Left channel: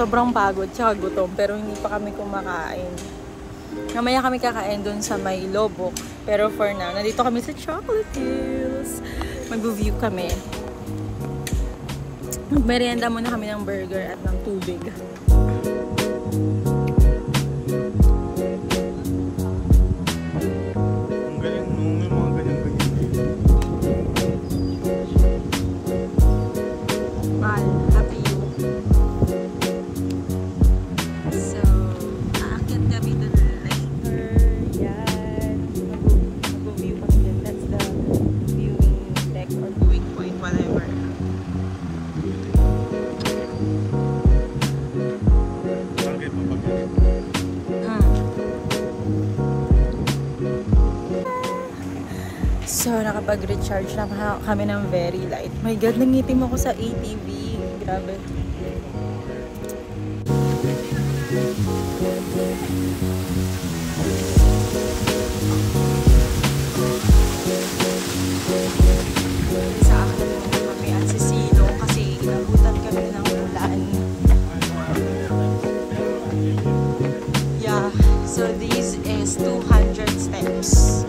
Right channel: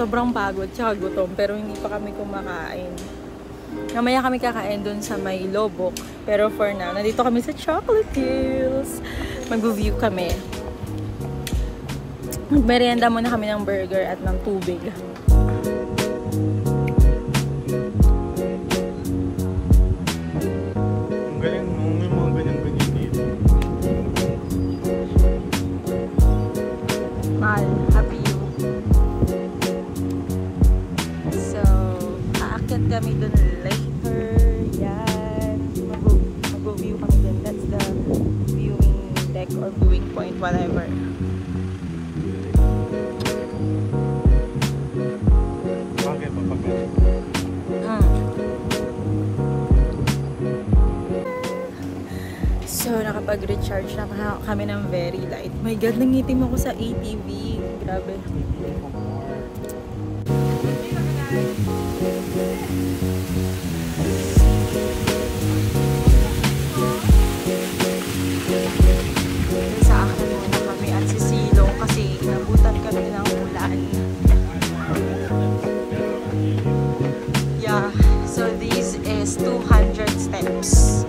Sobrang pagod tsaka gutom pero hindi pa kami kumakain. Mamaya kami kakain dun sa may Lobok. Pero for now, nandito kami sa Chocolate Hills. Mag-view kami. Magmerienda muna kami ng burger at ng tubig. Ang galing mo, yung mga ganyan-ganyan dito. Mahal, happy you. So, aakyat kami dun later. Yan. Mag-view kami dun. That's the viewing deck or viewing point, whatever. So, nakapag-recharge na kami ng very light. My God, nangitim ako sa ATV. Grabe. Sa akin muna kami at sisilong kasi inabutan kami ng ulan. Yeah, so this is 200 steps.